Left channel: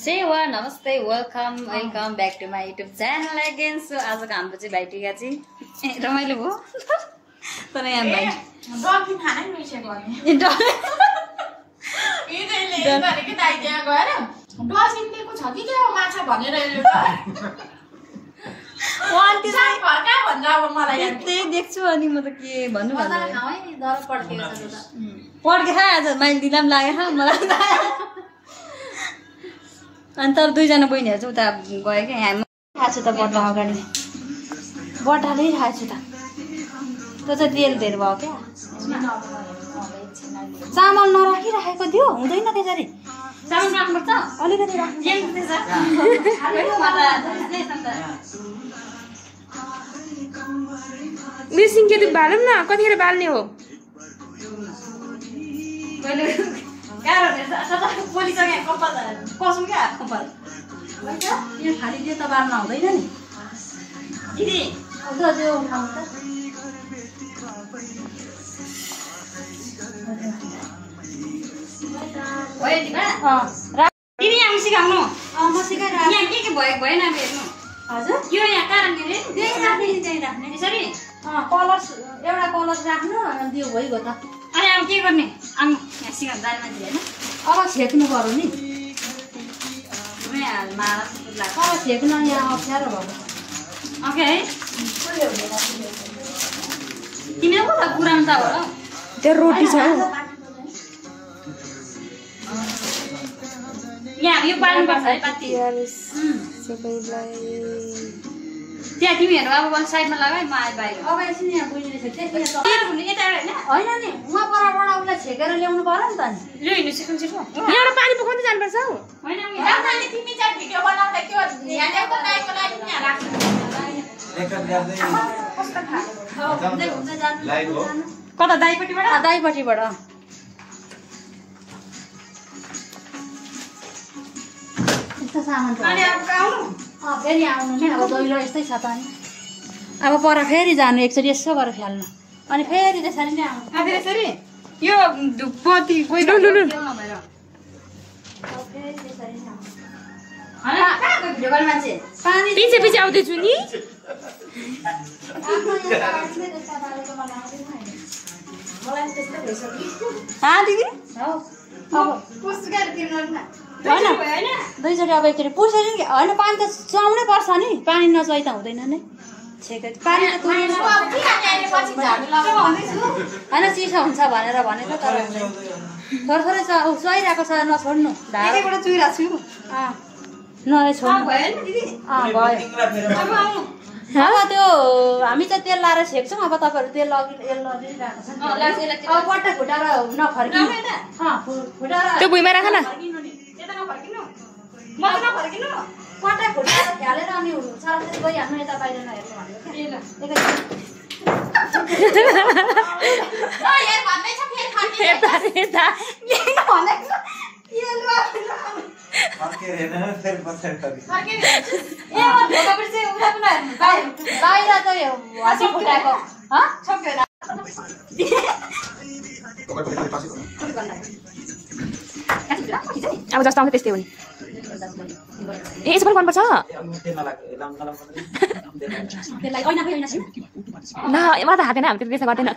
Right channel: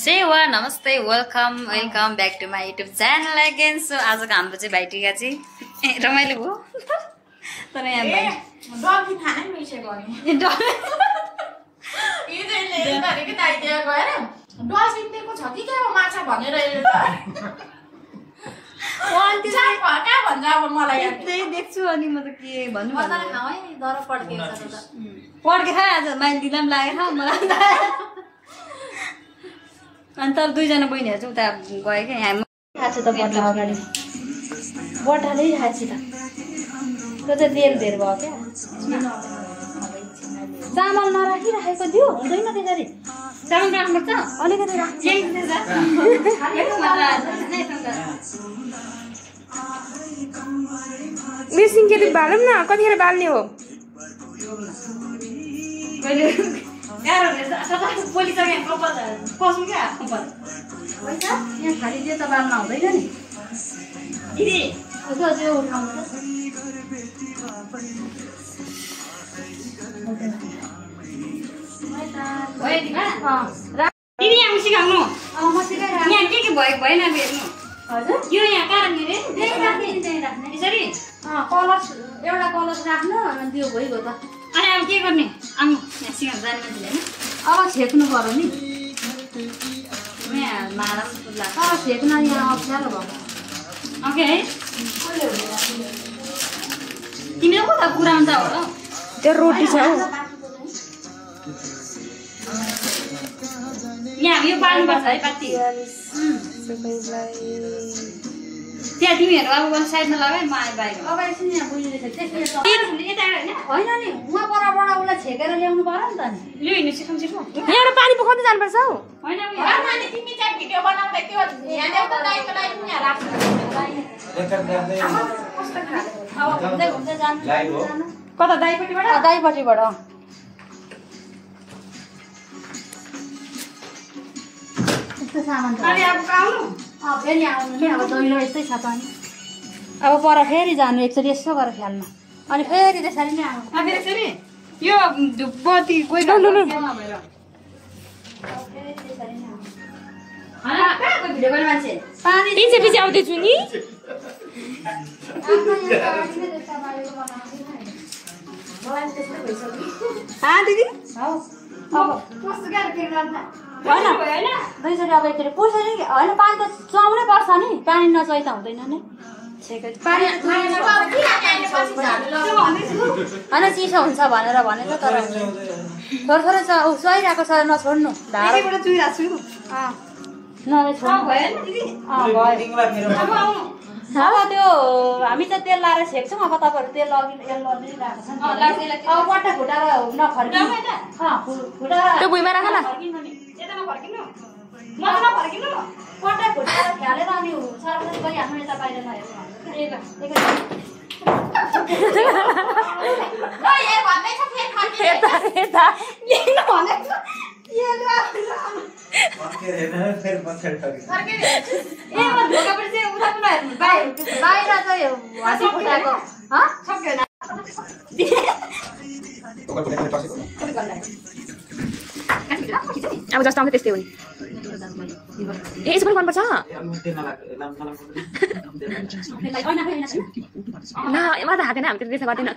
सेवा नमस्ते welcome back to my YouTube channel again. So आजको हाम्रो चाहिँ भाइटिका चाहिँ रमाइलो भयो तर यहाँ भाइ देख्छु अनि म त के भन्नु पड्के खा आज माइल दिँदा पनि लागेर मलाई अनि तर दुईजना बहिनीहरू चाहिँ उता गयो क्या। यहाँ खाएको छु त बट्टा अगाडि बट्टाले खाएको छु त त्यो चाहिँ तेल धेरै भयो क्या। चामल नराखिराखेको थियो हुँदैन त्यसरी चामल राख्नुपर्छ अलिकति मिसिङ के बालौँ न कतिखेर बाल्ने हो पोली क्या कसौँ क्या कपाल यहाँ खालि त्यो त बाल्न हुँदैन नि दिदी उठाउनु दिदी यहाँ सिकाउनु म सिकाएर यहाँ के भएन हेर्नु हजुर यो यहाँ कारणले यसरी कलर एउटा कलर राख्नु त्यो भइगयो त। अनि अब के गर्ने आउनु यहाँ सिकाउनु जाने मान्छे होइन अब छेक्नु पर्यो नि यहाँ मारा लाग्छ अब छेक्न यहाँ अप्ठ्यारो भयो ओके है तिमीले कता कुरामा त होला त्यो रोटी छ यहाँ यो पाल्नुपर्छ है पाती त्यहाँ तिमीहरू अब वन साइडमा लगाए म आए बाहिर अगाडि चाहिँ यहाँ बुझिँदै छ होइन नि उहाँ परबाट उसलाई छेकेर ल्याउनु पर्यो नि त नि लु हिँड्नु सिक्नु यहाँबाट पानी पकाउँदै जानुपर्छ हौ होइन तिमी चाहिँ भिडियो बनाउँदै त्यो यहाँ ल्याउँदा दाइको लागि पनि यहाँ राख्नु कता दाइपट्टिबाट यस्तो सामान छ अनि अब आउनु फेरि आउनु नि अब दैलो यस्तै छ त नि अब पर फेरि जानु एकचोटि यसो गरेर फ्याल्नु अनि फेरि त्यसरी नै आउनु फेरि यसरी यो पति कोही मान्छे पछि आउँदैछु नि दिदी होइन दुईचोटि अब एकचोटि पुर्छ नि होइन पानी त चुहाउनै पर्छ नि पानी नचुहाइ त हुँदैन नि पानी त होइन चिसो हुन्छ भनेर भनेको तर थोरै थोरै चुहाइरहेको छ नछोड्नु ढाडो अब त्यो हामी चाहिँ तेल लाएर छेक्छौँ अब तपाईँहरू तेल लगिरहेको छ बट्टा फुटाएर नफर्किनु त्यो भुइँमा राख न बट्टा फुटाएर फ्यालेर अनि सार्वजनिक भइहाल्नु यता बाहिर नहेर्नु बाहिर चाहिँ हसी फुटाएको अब जस्तो आउँछ त्यस्तै हो नि यसो पनि गर्नुपर्छ मलाई त हाकेन हामी त्यसो गर्दैन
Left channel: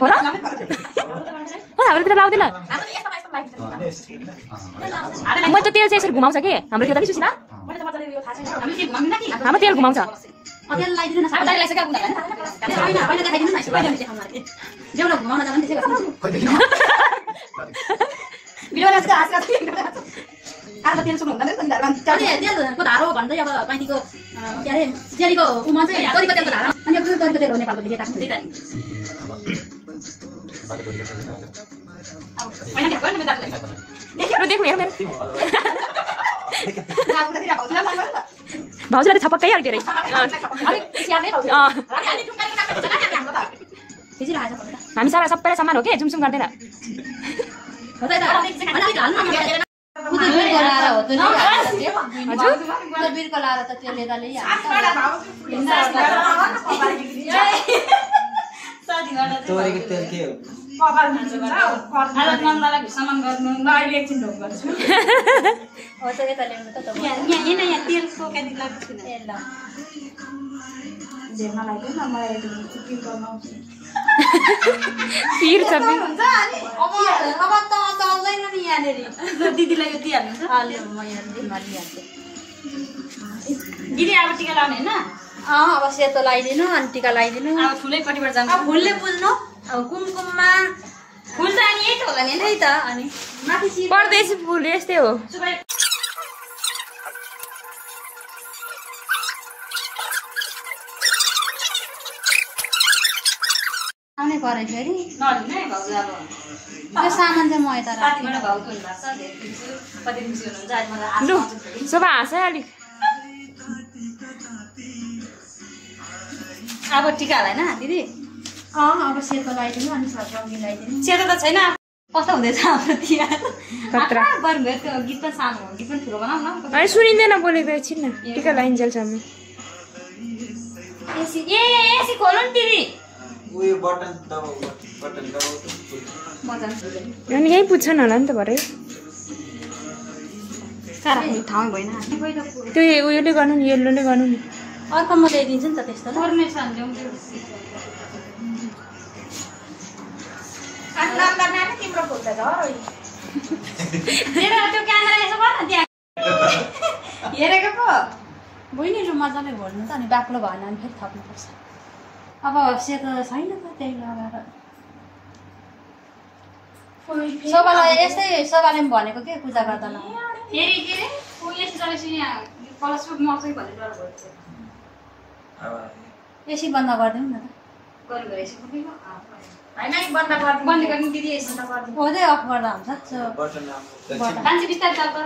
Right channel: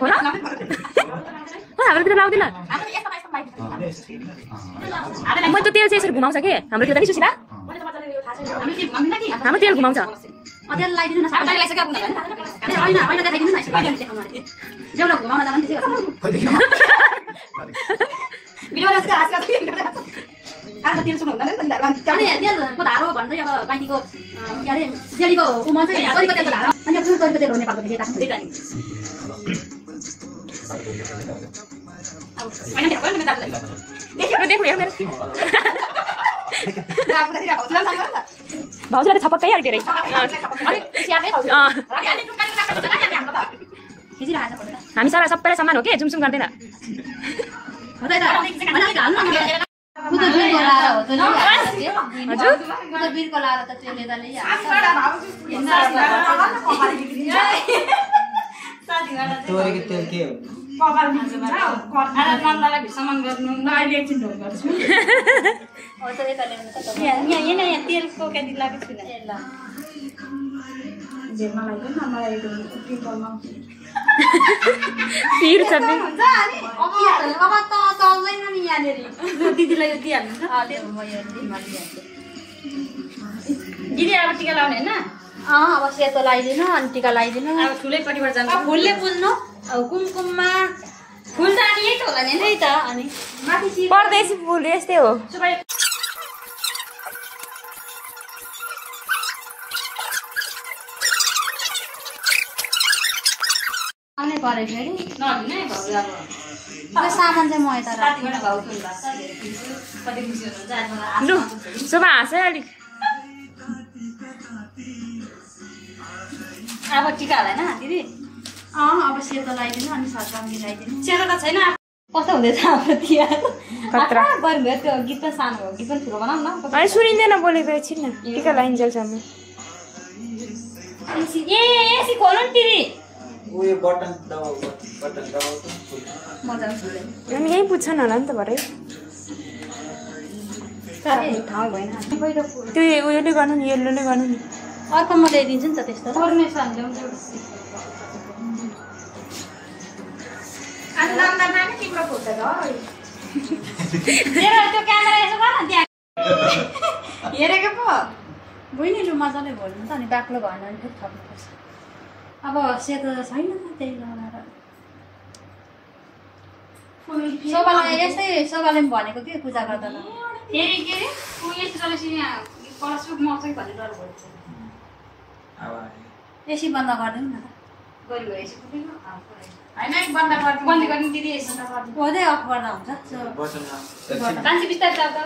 हो र हाम्रोतिर लाउँदैन म त तेल चाहिँ यसरी घुमाउँछ कि हाम्रोतिर नि सुशीला हाम्रो तेल घुमाउँछ तेल सुन्नु हुँदैन तेलको धारो भन्दै अब पानीको के अरे तेलीको उमा चाहिँ तरिको तेलको धारो अनि तरिको तेल हो नेपालको देखि भाउजूलाई छपक्कै हाल्थ्यो अरे हामी सारा सबैलाई समान हो कि झुमझुम गर्दैन हजुर बगाल मिल्छ आज नन्दलाई भिसामान गर्नु ल अहिले एकछिन ढोक गर्छु हो त यता ल्याउनु त यहाँ तेल पोकेदी लाग्छ न ए ल धेरमा लाग्यो न मलाई त्यो पिम्पलमा पिर छ हुन्छ अनि अब त चल्दैन नि यहाँनेरि दिदीलाई यो दिइहाल्नु म यहाँ दिइहाल्छु दिदी अब टिका लाउने होइन अब सेतो लगाइदिनु अनि टिका लगाइदिनु अब ठुलै पट्टिबाट जानु अब फुलले बुझ्नु अब कुमकुममा फुल त अनि यही त होला नि त्यही त अनि माथि सिर परदेशी फुल यस्तै हो आउने परे फेरि नलिनु है भाउजू अब त्यो सामान चाहिँ म यता रातिबाट भाउजू हुनुभएको छ कति खुसी हुनुहुन्छ आज मलाई लु शोभा हाँस है अलिक अब टिका होला होइन दिदी अब सेतो लगाइदिनु अनि सट्टा मिलाइदिनु सेतो त छैन कस्तो हुँदैछ हाम्रो तिहार गर्नुभयो त्यो गीत पनि सानो हो गीत पनि ठुलो बनाऊ न अनि सुनिँदैन बोलेको एकछिन न टिका लाइन्जेलसम्म एसी खोल्नु नि दिदी उयो बटन दबाउ मजा अनि यही पुग्छन् होला नि त भरे ठाउँ भएन त्यो उयोले गर्नु नि येल्लोले गर्नु नि अर्को म ल्याइदिन्छु नि त त्यस्तो पर्ने छ नि अनि नम्बर नानी तिम्रो फोटो छ त्यो क्यामेरा यसो गर न त्यहाँ हेरेको पो बहिनीले मजाले घोल्नु त अनि बाक्लो भएन भने फेरि थप्नुपर्छ अब सेतो छैन त त्यही लगाएर शोभालाई यस्तै शोभाले पनि भनेको के पूजा गर्दा फेरि के अरे यस्तो चलेपछि यहाँ कलसको मर्छ भन्ने डर भयो एसी बन्द गरिदिउँ न त होइन बन्द गर्ने दिदी हुँदै अफ गर्दा हुन्छ मान्छे बिस्तारै चल्छ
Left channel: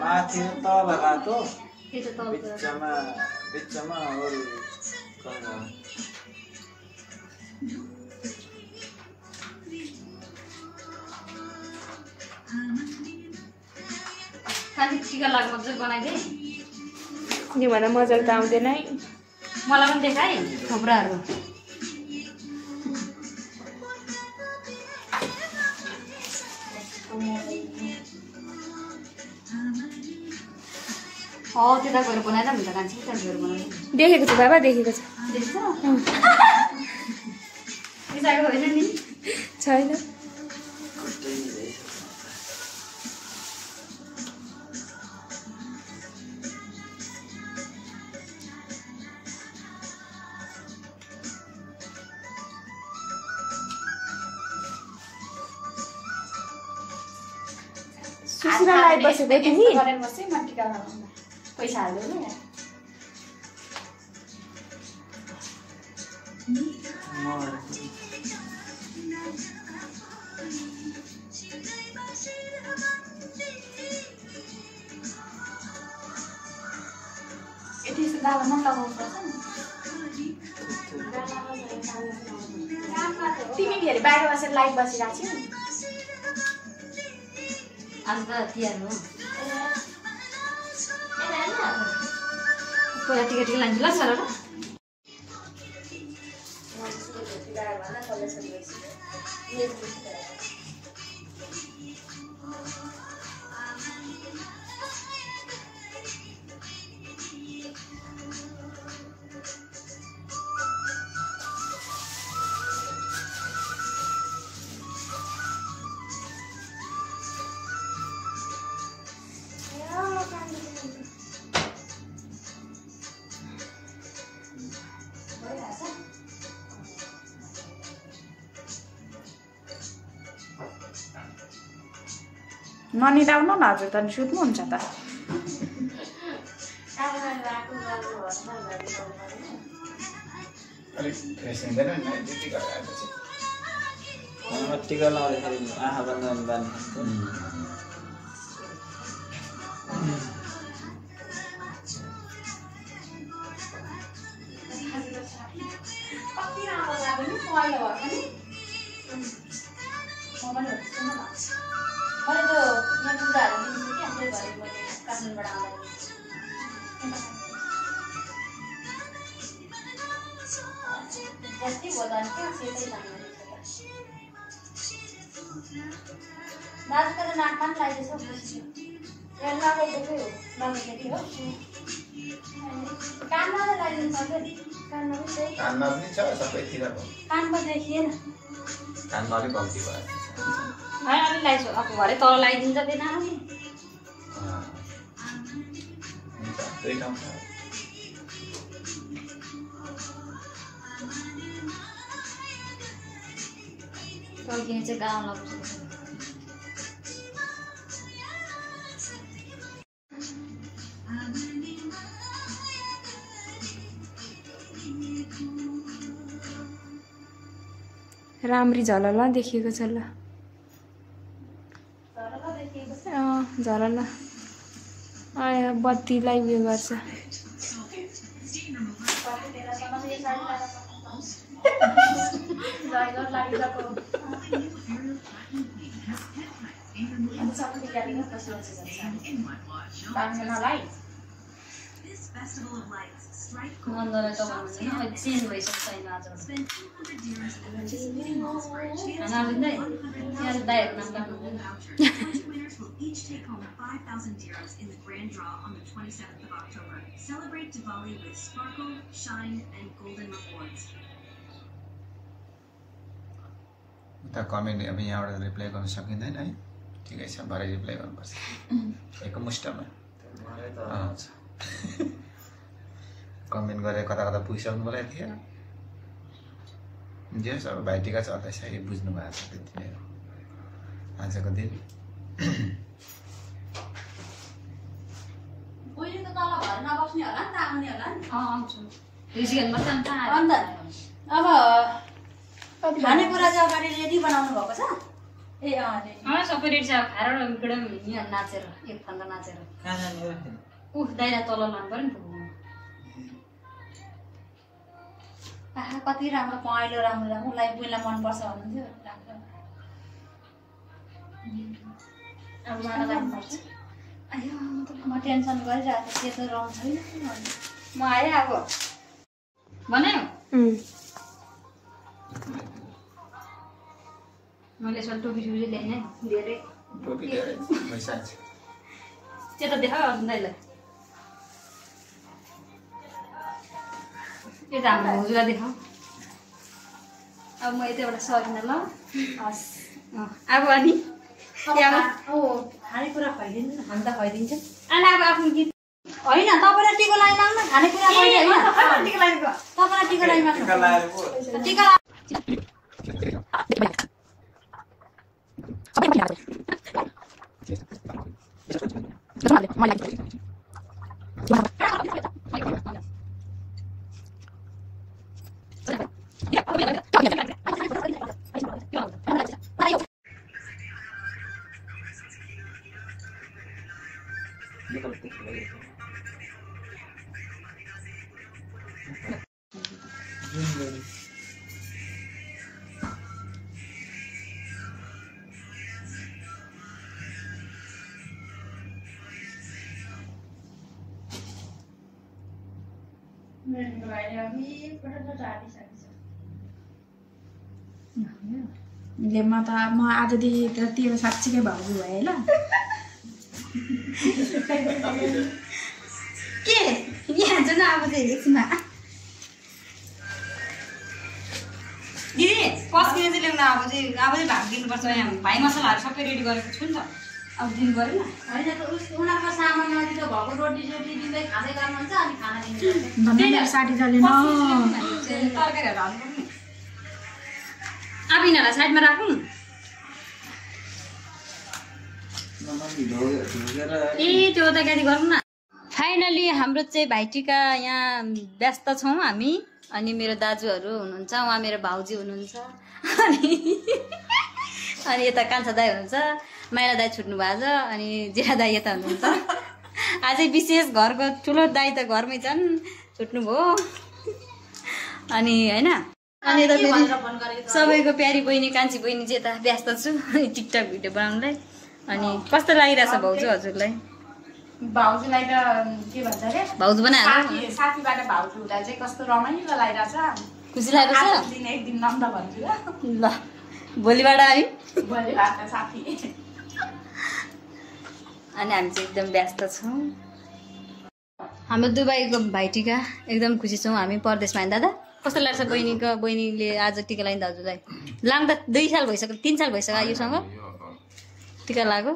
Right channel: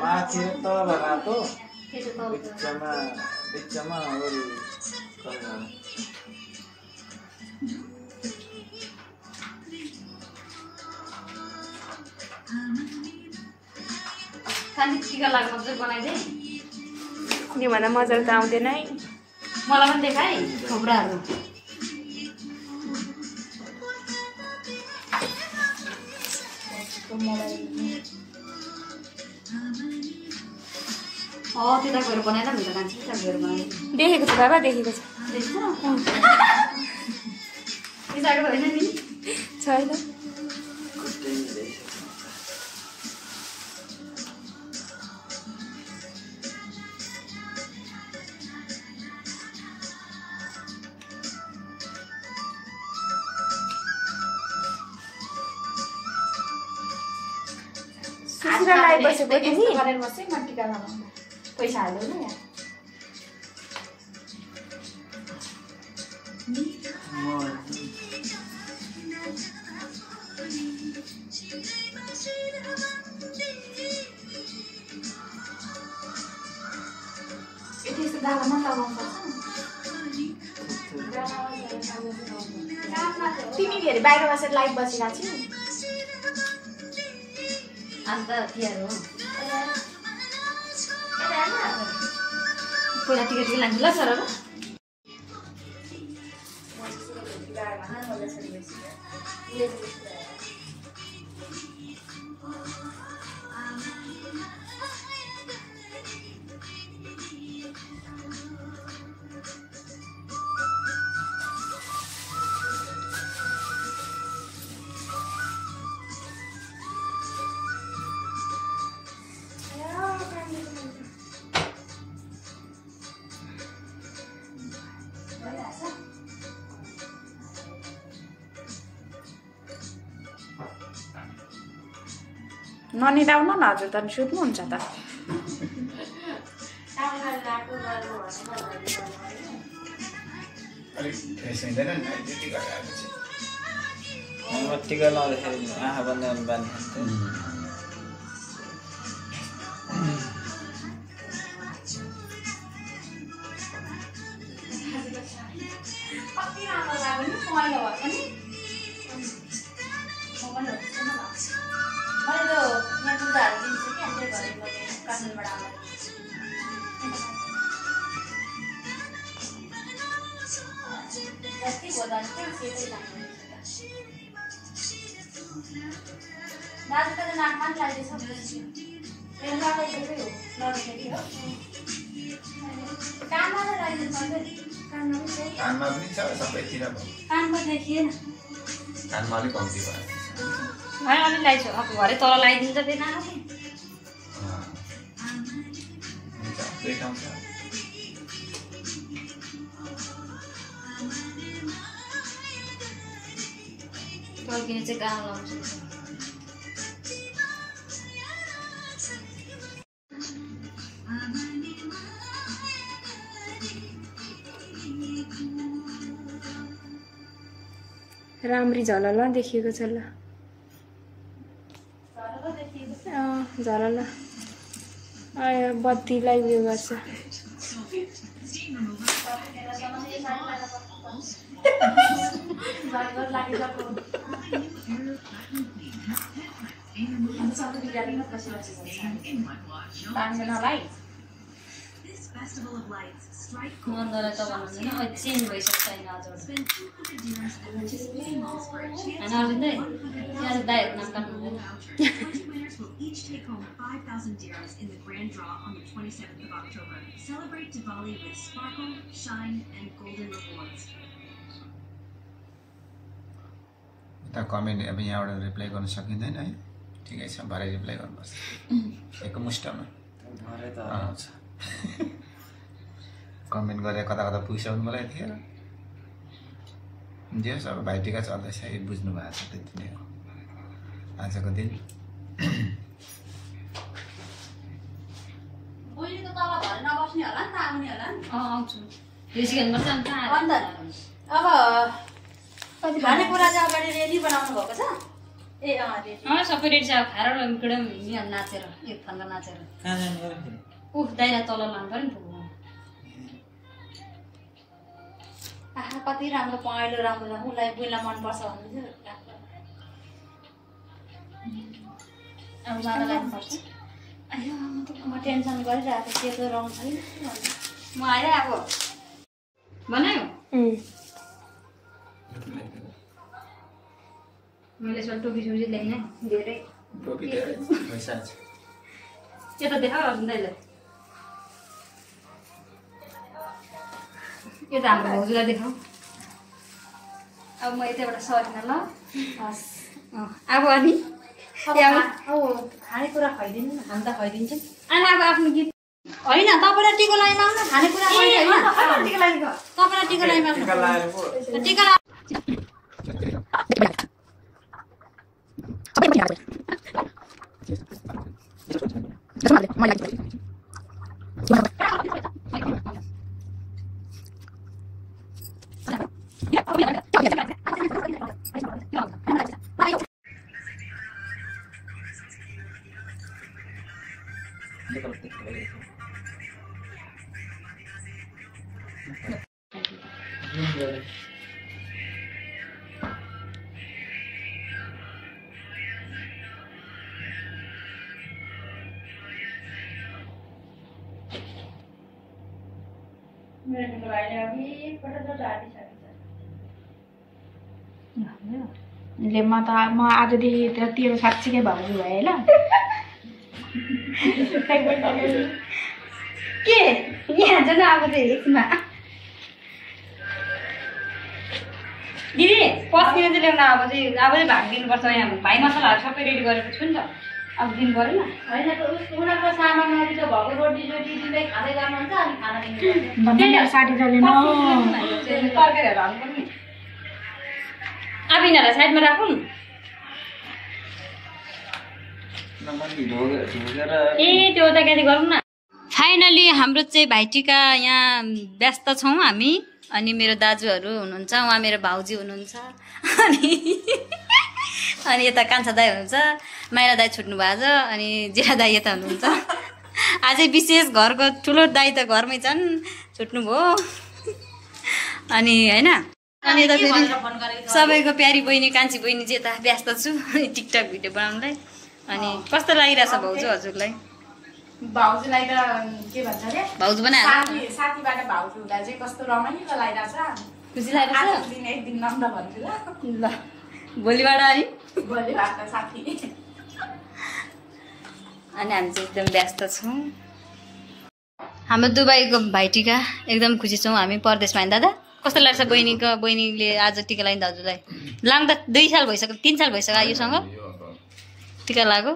माथि तल रातो त्यो बिचमा अरू सानो टिका लाग्नु मजाले बनाइदिए योभन्दा मजाले त आउँदैन है मलाई पनि देखाइ थुप्राहरू त्यता गएर बनाइदा हुन्छ कान्छी त्यता गएर बनाइदिए देखेको छु बाबा देखेको छु बिसाएको होइन नि छैन सुसिरा लाइट बसेको तिमी गरेर बस्दै म टिका लगाउनु पैसा हाल्यो नि यति यस्तो दालामा लगाउँछ तिमी के अरे बाहिर बसेर लाइट बसिरहेको छु आज त तिहार हो पहिला टिका टिका लान्छ ल सर ननिदाउनु न हजुर त सुत्नुहुन्छ त टिका लाउँदाखेरि आँखा बन्द बाँध्नु मैले त यहाँ पूजाहरू दिन्छु कि त्यही भएर मैले काठमाडौँबाट आउँदाखेरि जति होला दाजुको त नाकमा पनि लाग्दैछ यहाँ लगाइदिएकै हो लगाइदिएकै हो कानमा त लगाइदिनु पर्छ नि कानमा पनि चाहिँ कानमा पनि छ सबैतिर भयो कानमा देखिएन कानमा अलिक कम्ती भयो अलिक लगाइछु अब घरै तल लगाइदिन्छ फेरि नानी हुन्छ दुई ठाउँ छ टल्किने चाहिँ गाउँ लाग्छ राम्री झलल देखिएको छ ल झलल बत्तीलाई उयो गर्छ मन्दलाई त भन्दैन अहिले चेन्ज भइसक्छ छैन आज दाइहरू नाम काट्नु each take home 5,000 dirhams in the grand draw on the 27th of October. Celebrate Diwali with sparkle, shine, and golden rewards. उता कमेन्ट अब यहाँबाट रिप्लाई गर्न सकिँदैन है ठिकै छ भरे रिप्लाई गर्नुपर्छ एकमुष्टमा आउँछ कमेन्ट गरेर कता कता पुगिसक्नु मलाई थिएन जे सब भाइटिका चल्दैछ यो बुझ्नु भएको छ त्यति नै हो आजको दिन अब खानेकुरा चाहिँ अगाडि रेडी बनाउनु भएको छ ए सबै रेडी छ खाएर नाचेर एक फन्दा नाचेर दाइरा तल लानु पर्यो नि आहा कति राम्रो पहेँलो राम्रो राम्रो उसलाई बुइलाई मनपर्छ भन्नुहुन्थ्यो अब मलाई लाग्नुपर्छ आयो म टेन्सन गरिरहेको छु त्यस्तो रङ छैन म आएँ अब बनायो मैले यसो टोपी सोपी ल्याएँ धेरै टोपी धेरै पैसा छ त्यो त देखा अर्जुन दाइलाई यो त हाम्रो भाउजूलाई देखाऊ अब म यताबाट सरिनँ ल हस् अब अनि खानेकुरा खुवाइदिनु न हामी त खुवाइदिन्छ अनि अब आफ्नो गीत होइन तपाईँलाई टिका लगाइमाग्नु खानेकुरा होइन तपाईँलाई टिका लगाइमाग्नु टिका म आजदेखि तेरो साँच्चीकै भाउजू भएँ ल के यहाँ जान अब चाहिँ यसमा दिदी पस्किने चाहिँ ल्याउन अब चाहिँ भाग दिनुपर्छ यहाँ भाइ मसलाहरू सबै रेडी गरेको छु नि त अब दिनु पऱ्यो नि होइन उनीहरूको सामानमा त भएको रोटी सोटी दिँदै खाँदै गर्नुहुन्छ अनि खाना दिनु तरकारीहरू हाल्नु पर्ने अब यिनीहरूलाई साइडमा राखौँ ए त्यो त के गरौँ न फाइनली हाम्रो चाहिँ भाइटिका यहाँ व्यस्त छौँ हामी अनि मेरो दाजुहरू हुनुहुन्छ उहाँ मेरो भाउजू हुनुहुन्छ अनि यता कान्छा दाई हुनुहुन्छ माइला दाई छुट्नु भएको छ अनि जेठा दाई यता हुनुहुन्छ अझै विशेष घरको ठुलो दाई त घरमै छन् छुट्नुभयो अनि होइन अनि यता फेरि सबैको प्यारी बहिनी कान्छी बहिनी चाहिँ यता व्यस्त छु टिकटक भिडियो बनाउनुलाई अनि कस्तो लागिरहेछ भाउजू हजुरलाई भाउजूलाई त के भन्छ अरे भाउजू बनाएर साथीबाट भाउजू हुँदा चाहिँ कस्तो रमाइलो लागिरहेछ खुसी लागेको छ ल भोलिबाट हामी अनि हामी चाहिँ एकदम व्यस्त छौँ हाम्रो दुबईको भाइटिका एकदम खुसी छौँ हामी परदेशमा होइन दादा कस्तो लाग्छ बहिनीले आज टिका लगाइन् दाजुलाई लाग्दा 2 साल भइसक्यो 3 साल भइसक्यो आयुसँग टिका लाग्यो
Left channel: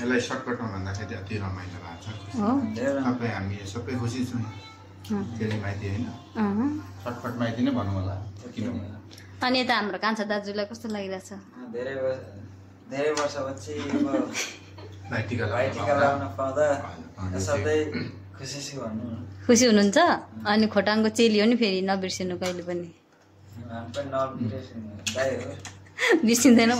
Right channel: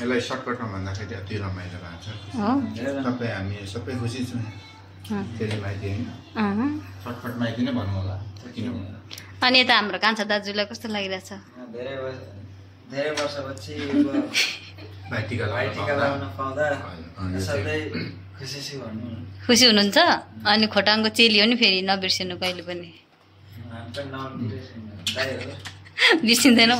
यसलाई सर्टकटमा भन्दाखेरि अति रमाइलो भएको छ सबै हामी सबै खुसी छौँ फेरि माइती होइन सर्टकट माइती नै भनौँ होला किन अनि यता हाम्रो कान्छा दाजुलाई कस्तो लागिरहेछ धेरै वर्षपछि भाइटिका लगाउन पाउँदा सधैँ खुसी छु भन्नु खुसी हुनुहुन्छ अनि खोटाङको चेली हो नि फेरि नबिर्सिनु कहिले पनि बिर्सिँदैन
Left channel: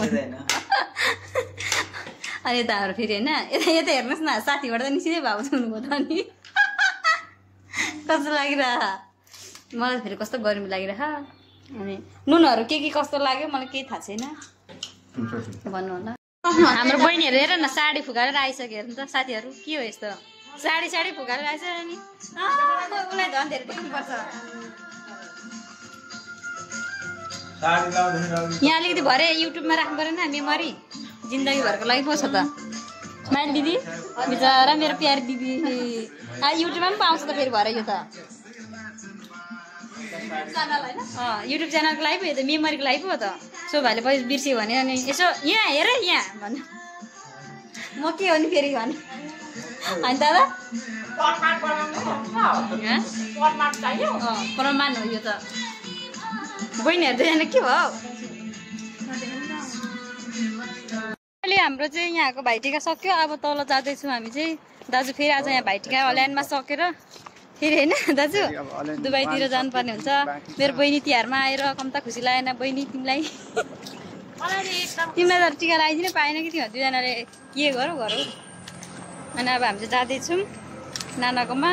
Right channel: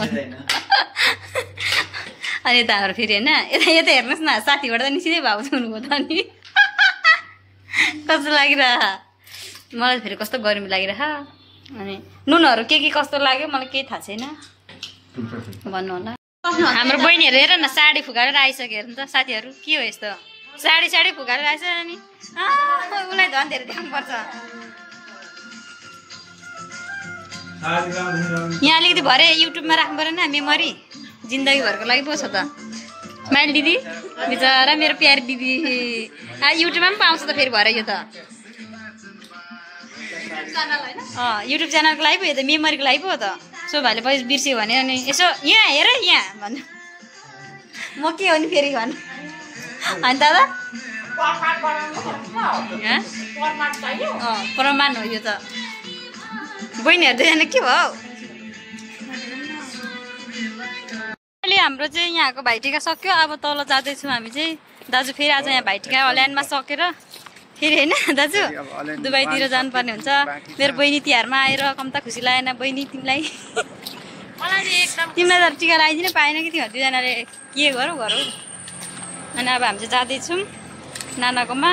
अनि यता हाम्रो फेरि होइन यता हेर्नुहोस् न साथीबाट त निस्किँदै भाउ हुनुभयो त अनि कस्तो लागिरह मलाई फेरि कस्तो गर्मी लागिरह अनि नुनहरू के कस्तो लाग्यो मलाई केही थाहा छैन भन्नु होला हाम्रो बहिनीहरू हेर न साडी फुकाएर आइसक्यो हेर्नु त साथीहरू के हो यस्तो साडी फुकाएर आइस नि उसलाई झन् धेरै देख्नुपर्छ यहाँ अलिकति भरे युट्युबमा राख्नु परेन मेमोरी जिन्दगीभरको लागि पो छ त स्माइल दिदी बिचरा मेरो प्यारी दिदी युट्युबमा पनि पाउँछ त फेरि भरे यो त युट्युब च्यानलको लागि पो यो त मेमोरीको लागि पो हो त सो भाइले पछि बिर्स्यो भने अनि यसो यहाँ हेर यहाँ भन्नु म के हो नि फेरि भन्नु अनि दादा प्रमाण हो यो त बहिनीहरू दुईजना के भयो अहिले हाम्रो चाहिँ यहाँको भाइटिका सक्यो अब तल जाँदैछौँ हामी चाहिँ दाजु फेरि आज यहाँ भाइटिका ल्यान्डमा सकेर फेरि होइन दाजु दुबईतिर जानुपर्ने हुन्छ मेरो बहिनी तिहारमा आएर कम्ता खुसी लागेन बहिनी तिमीलाई तिमीलाई त टिका लगाइदिनु पाएन कि तिमीहरू दुईजनाले के गरौँ अनि अब हामी चाहिँ जाँदैछौँ नानाकोमा